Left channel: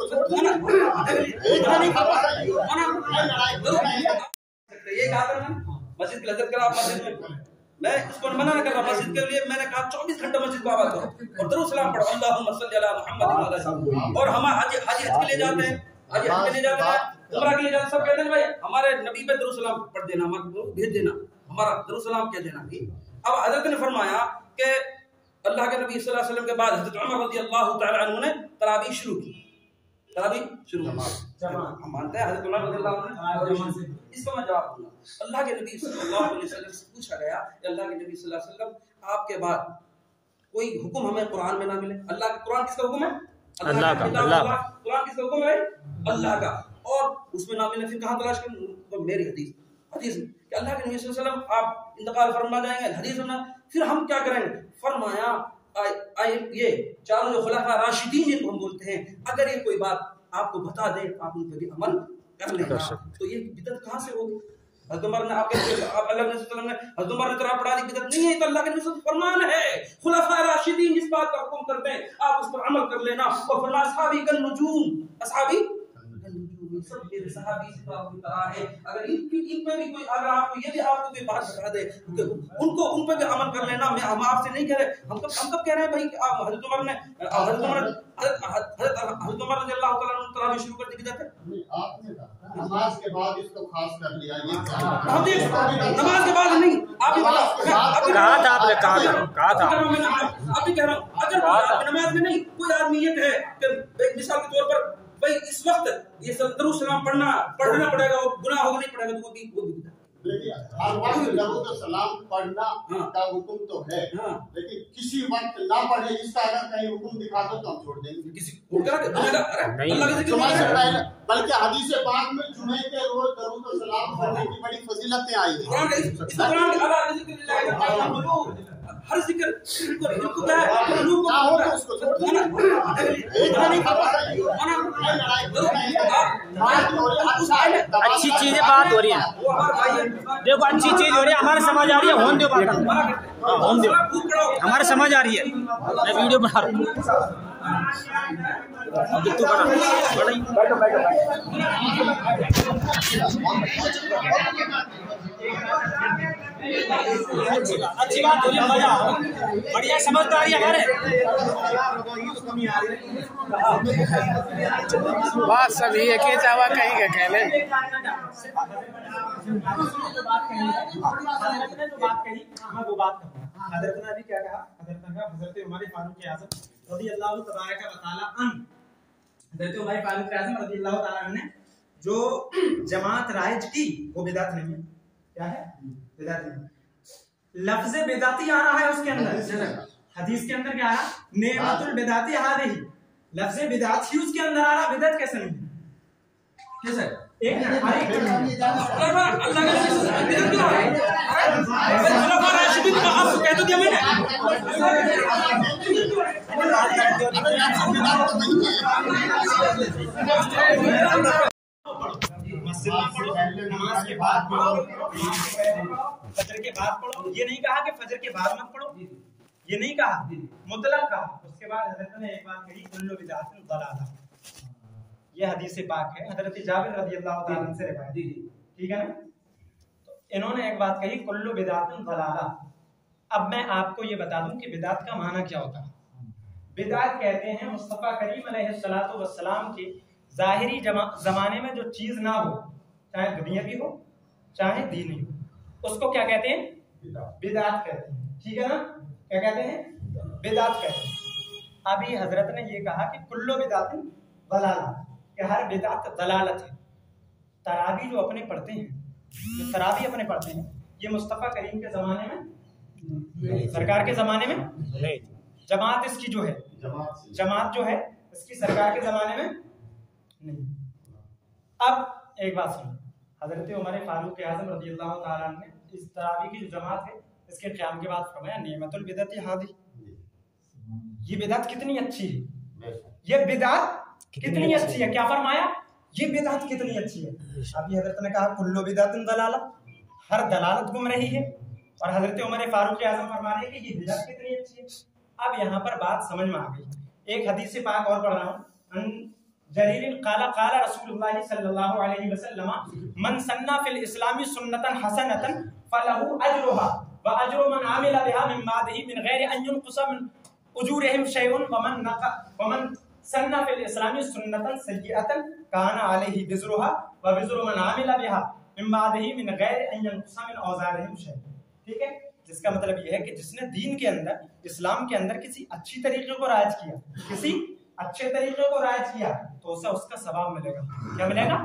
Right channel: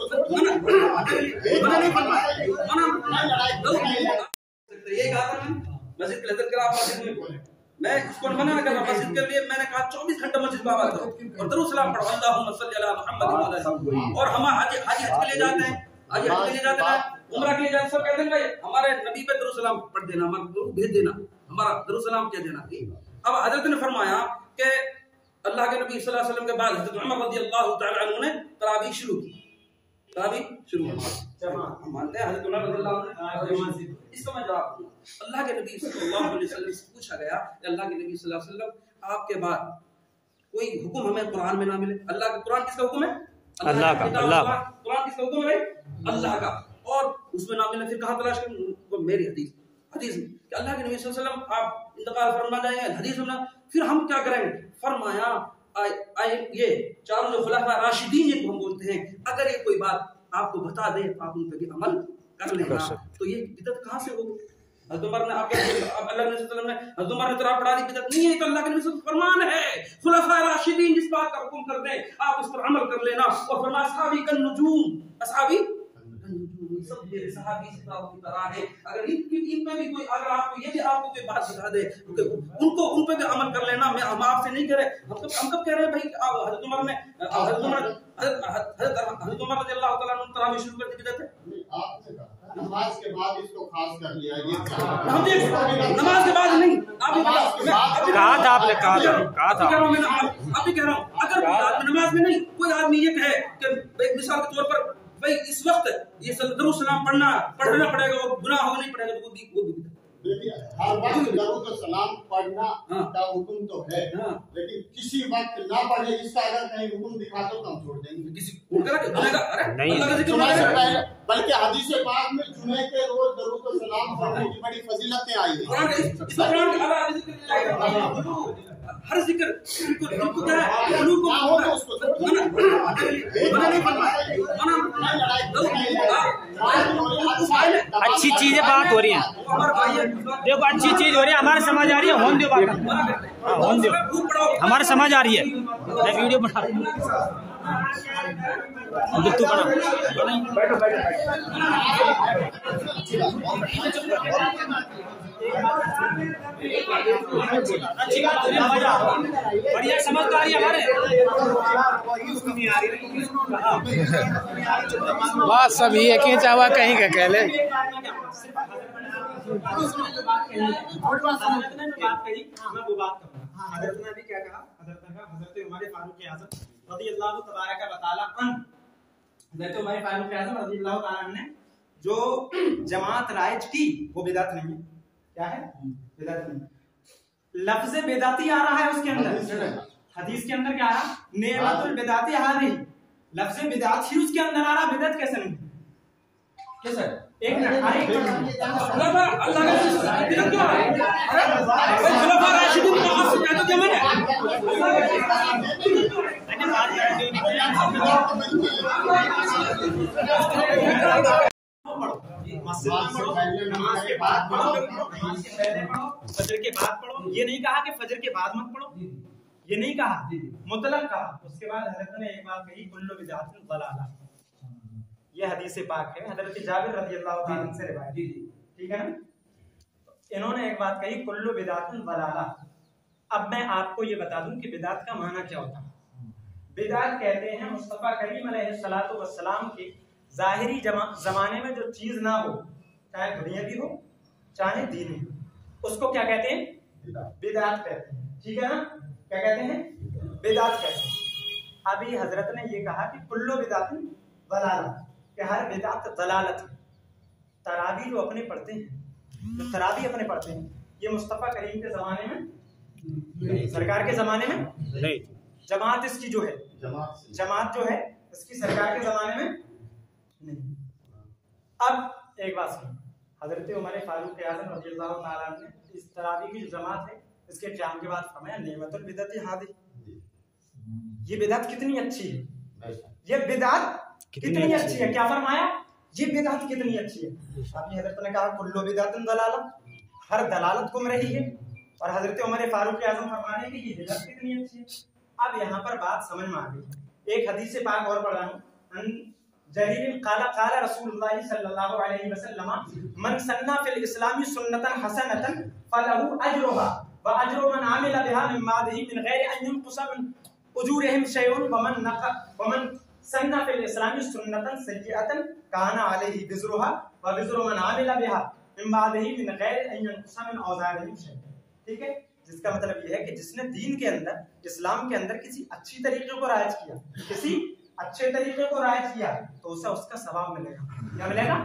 उसको मना नहीं फरमाया। ये कहा था मस्जिद की लज्जत करा, आप मस्जिद में, मैं इसको मना नहीं कर रहा मस्जिद के लिए, मैंने कहा 24 घंटे मस्जिद में आवाज करो और दरूद सलाम पढ़ो, अल्लाहुम्मा सल्ली अला मुहम्मद। और हम हाजी हज के लिए जाते हैं, हाजी हज के लिए जाते हैं, उम्रा के लिए जाते हैं, सब कहते हैं भाई हमारे नबी पे दरूद सलाम पढ़ देना, हमारा भेज देना, हमारा दरूद सलाम कह देना। अब हजरत ने फरमाया कि अल्लाह के नबी सल्लल्लाहु अलैहि वसल्लम के बाद हजरत उमर रज़ियल्लाहु तआला अन्हु ने तरावी शुरू की, तरावी शुरू की। हम मानते हैं हजरत उमर रज़ियल्लाहु अन्हु। इसका मैं जवाब दूंगा। अल्लाह के नबी सल्लल्लाहु अलैहि वसल्लम से पूछा गया कि अल्लाह के नबी सल्लल्लाहु अलैहि वसल्लम आपके बाद कोई हुक्म हमें कुरान में ना मिले। अल्लाह का कुरान किसका हुक्म है? अल्लाह का। अल्लाह कुरान किसका हुक्म है? अल्लाह का। और उसमें ना मिले फिर कहां तलाश करें? मेरी हदीस में कि अल्लाह के नबी सल्लल्लाहु अलैहि वसल्लम आप इंतकाल फरमा जाएंगे, हदीस में फिर हम क्या करेंगे? फरमाया ये चारों जो खुलाफा राशिदीन जिनको हम बोलते हैं, अगर ये कोई बात आपको बता दे तो आप उन पर भी अमल कर लेना। तो ये बिदअत कहां से होगी? हज़रत उमर ने आपके अल्लाह ने हज़रत उमर ने तराव पढ़ा दी, बिदअत नहीं है, तो अल्लाह के नबी सल्लल्लाहु अलैहि वसल्लम फरमान है, खुलाफा राशिदीन जिस बात का हुक्म करते हैं आप उस पर अमल कर लेना। और फरमाया असहाबी कन नुजूम, असहाबी सब मेरे सहाबी की तरह है। अगर इन पे भी कोई, अगर आपको ये भी आपको कोई बात बता दे उनको उन पे भी अमल कर लेना। मैं हम आपसे नहीं कह रहे, हम कब कह रहे हैं भाई? हज़रत उमर रज़ियल्लाहु तआला अन्हु तरावी शुरू कर दी बिदअत है। आपने कहा नमाज के बाद इसको खास कर लिया, ये हम देख नमाज के बाद नहीं, आप ही बताओ, कहा था आपने, कहा था आप भी कह रहा हूँ, अगर नमाज में नहीं कोई आदमी ये कहे कि मिसाल के तौर पर भाई इस वक्त ये दरूद सलाम पढ़ना पड़ेगा और गुनाह होगा नहीं पड़ेगा, तो वो भी देखिए हर वक्त दरूद सलाम पढ़ना का हुक्म तो है, लेकिन किसी वक्त ना पढ़े इसका अगर कहीं हुक्म दिखा दो तो हम छोड़ देंगे। किसी बल्कि हदीस पाक में जुमे के रोज दरूद सलाम पढ़ने की बड़ी फजीलतें आई हैं। हर जिक्र अच्छी चीजें बात हो रही है, देखो अच्छी चीज हो रही है, हमारे समझ आ रही है, होने दो बात, होने दो, हमारे समझ आ रही है। मैं वीडियो बना रहा हूँ, तू बना, बैठो बैठो अच्छी बात हो रही है, मजा आ रहा है, बढ़िया समझदारी हमारे। बात सब ही है, खींचा हुआ कहीं का कह ले। हज़रत ने भी क्या कहा? हज़रत उमर फारूक आज़म रज़ियल्लाहु तबारक व तआला अन्हु, हज़रत उमर फारूक आज़म रज़ियल्लाहु तआला अन्हु ने जो जमात राइज की वो बिदअत नहीं है। क्या है? बिदअत नहीं। लफ्ज़ बिदअती आ रहा है उसके अंदर, हदीस के अंदर क्या आ रहा? नेमतुल बिदअती हाज़िही, लफ्ज़ बिदअत ही उसके अंदर आ रहा, बिदअत कैसे नहीं? कैसे? एक मिनट, अल्लाह के नमाज के बाद पढ़ो, फजर के बाद पढ़ो। ये नहीं कहा कि फजर के बाद मत पढ़ो, ये नहीं कहा, मुतलक कहा। उसके बाद हज़रत ने एक बात कही, कुल्लु बिदअतिन ज़लाला, ये हदीस पाक है, हज़रत जाबिर रज़ियल्लाहु ताला अन्हु से रिवायत, ठीक है ना? तो इन्होंने एक बात कही, कुल्लु बिदअतिन ज़लाला। अब मैं आपको ये बता दूं कि बिदअत का माना क्या होता है। बिदअत कहते हैं मुस्तफ़ा करीम अलैहिस्सलातु वस्सलाम के ज़ाहिरी ज़माने में जो चीज़ ना हो, चाहे दुनियावी हो चाहे दीनी हो, उसको क्या कहते हैं? बिदअत कहते हैं, ठीक है ना? क्या कहते हैं? बिदअत कहते हैं। अभी हज़रत ने ये कहा कि कुल्लु बिदअतिन ज़लाला, कि हर बिदअत ज़लालत है। तरावी जो अपने पढ़ते हैं, जो तरावी अपने पढ़ते हैं, ये मुस्तफ़ा करीम के ज़माने में, सरकार के ज़माने में नहीं, जमात इसकी जो है, जमात जो है इसकी सरकार के ज़माने में नहीं। अब एक बात सुनो, हज़रत उमर फारूक आज़म रज़ियल्लाहु ताला अन्हु ने इस तरावी की जो जमात है इसके क़याम के बाद फरमाया, नेमतुल बिदअती हाज़िही, ये बिदअत कितनी अच्छी है, ये बिदअत कितनी अच्छी है। क्या फरमाया? ये बिदअत कितनी अच्छी है। अभी हज़रत ने कहा कुल्लु बिदअतिन ज़लाला, हर दलालत गुमराही है, और हज़रत उमर फारूक आज़म फरमा रहे हैं कि ये बिदअत कितनी अच्छी है। अब यहाँ पर बात समझ में आ गई। एक हदीस पाक और पढ़ रहा हूँ, जरीर काला काला रसूलुल्लाह सल्लल्लाहु अलैहि वसल्लम मन सन्ना फिल इस्लामी सुन्नतन हसनतन फलहु अजरुहा व अजरु मन आमिला बिहा मिन बादिही मिन गैरि अन युनक़सा मिन उजूरिहिम शैउन व मन सन्ना फिल इस्लामी सुन्नतन सय्यअतन काना अलैहि विज़रुहा व विज़रु मन आमिला बिहा मिन बादिही मिन गैरि अन युनक़सा मिन औज़ारिहिम शैउन। ठीक है, जिसका मतलब यह है कि जिसने दीन के अंदर, इस्लाम के अंदर किसी अच्छी तरीके को राइज किया, किसी अच्छे तरीके को राइज किया, तो उसे उसका सवाब मिलेगा। क्या मिलेगा?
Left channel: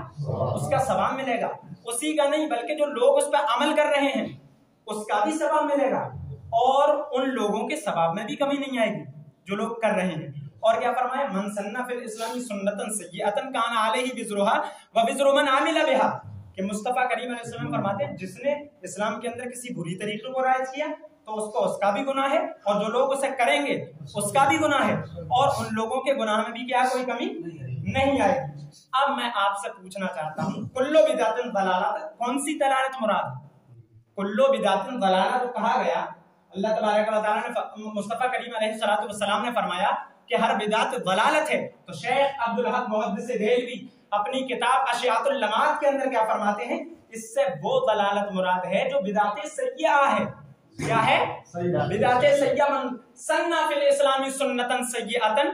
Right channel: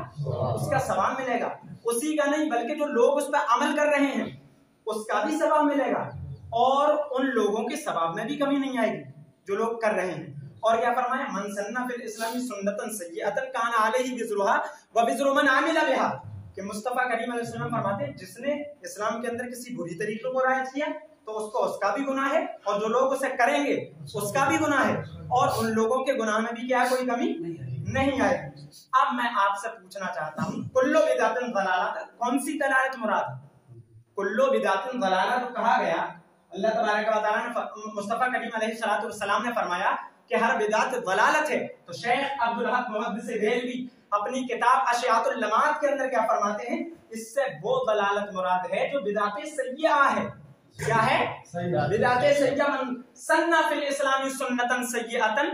उसका सवाब मिलेगा। उसी का नहीं बल्कि जो लोग उस पर अमल कर रहे हैं उसका भी सवाब मिलेगा, और उन लोगों के सवाब में भी कमी नहीं आएगी जो लोग कर रहे हैं। और क्या फरमाया? मन सन्ना फिल इस्लामी सुन्नतन सय्यअतन काना अलैहि विज़रुहा व विज़रु मन आमिला बिहा, कि मुस्तफा करीम अलैहि सल्लम फरमाते हैं जिसने इस्लाम के अंदर किसी बुरी तरीके को राइज किया तो उसको उसका भी गुनाह है, और जो लोग उसे करेंगे उसका भी गुनाह है, और उन लोगों के गुनाह में भी क्या है? कोई कमी नहीं आएगी। अब मैं आपसे पूछना चाहता हूँ, कुल्लु बिदातिन दलालत, कौन सी दलालत मुराद है? कुल्लु बिदातिन दलालत तो कहा गया, अल्लाह तबारक व तआला ने, मुस्तफा करीम अलैहि सलातु वस्सलाम ने फरमाया कि हर बिदात दलालत है। तो शेख अब्दुल हक मुहद्दिस देहलवी अपनी किताब अशियातुल लमात के अंदर क्या फरमाते हैं? इससे वो दलालत मुराद है जो बिदाते सय्या है। क्या है? बिदाते सय्या मन सन्ना फिल इस्लामी सुन्नतन सय्यअतन,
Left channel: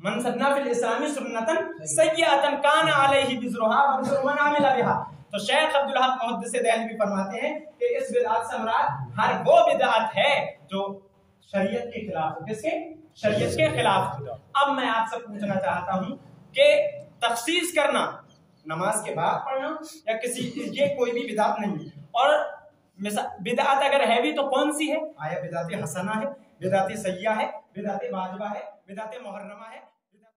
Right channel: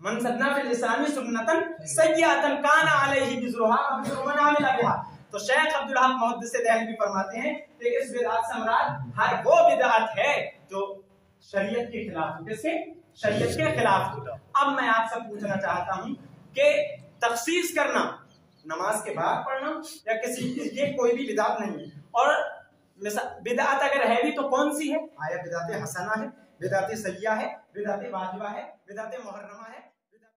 मन सन्ना फिल इस्लामी सुन्नतन सय्यअतन काना अलैहि विज़रुहा व विज़रु मन आमिला बिहा। तो शेख अब्दुल हक मुहद्दिस देहलवी फरमाते हैं कि इस बिदात से मुराद हर वो बिदात है जो शरीयत के खिलाफ हो। किसके? शरीयत के खिलाफ हो। अब मैं आपसे पूछना चाहता हूं कि तखसीस करना, नमाज के बाद पढ़ना या किसी, ये कोई भी बिदात नहीं है। और बिदात अगर है भी तो कौन सी है? आया बिदात हसना है, बिदात सय्या है, बिदात वाजिबा है, बिदात मुहर्रमा है।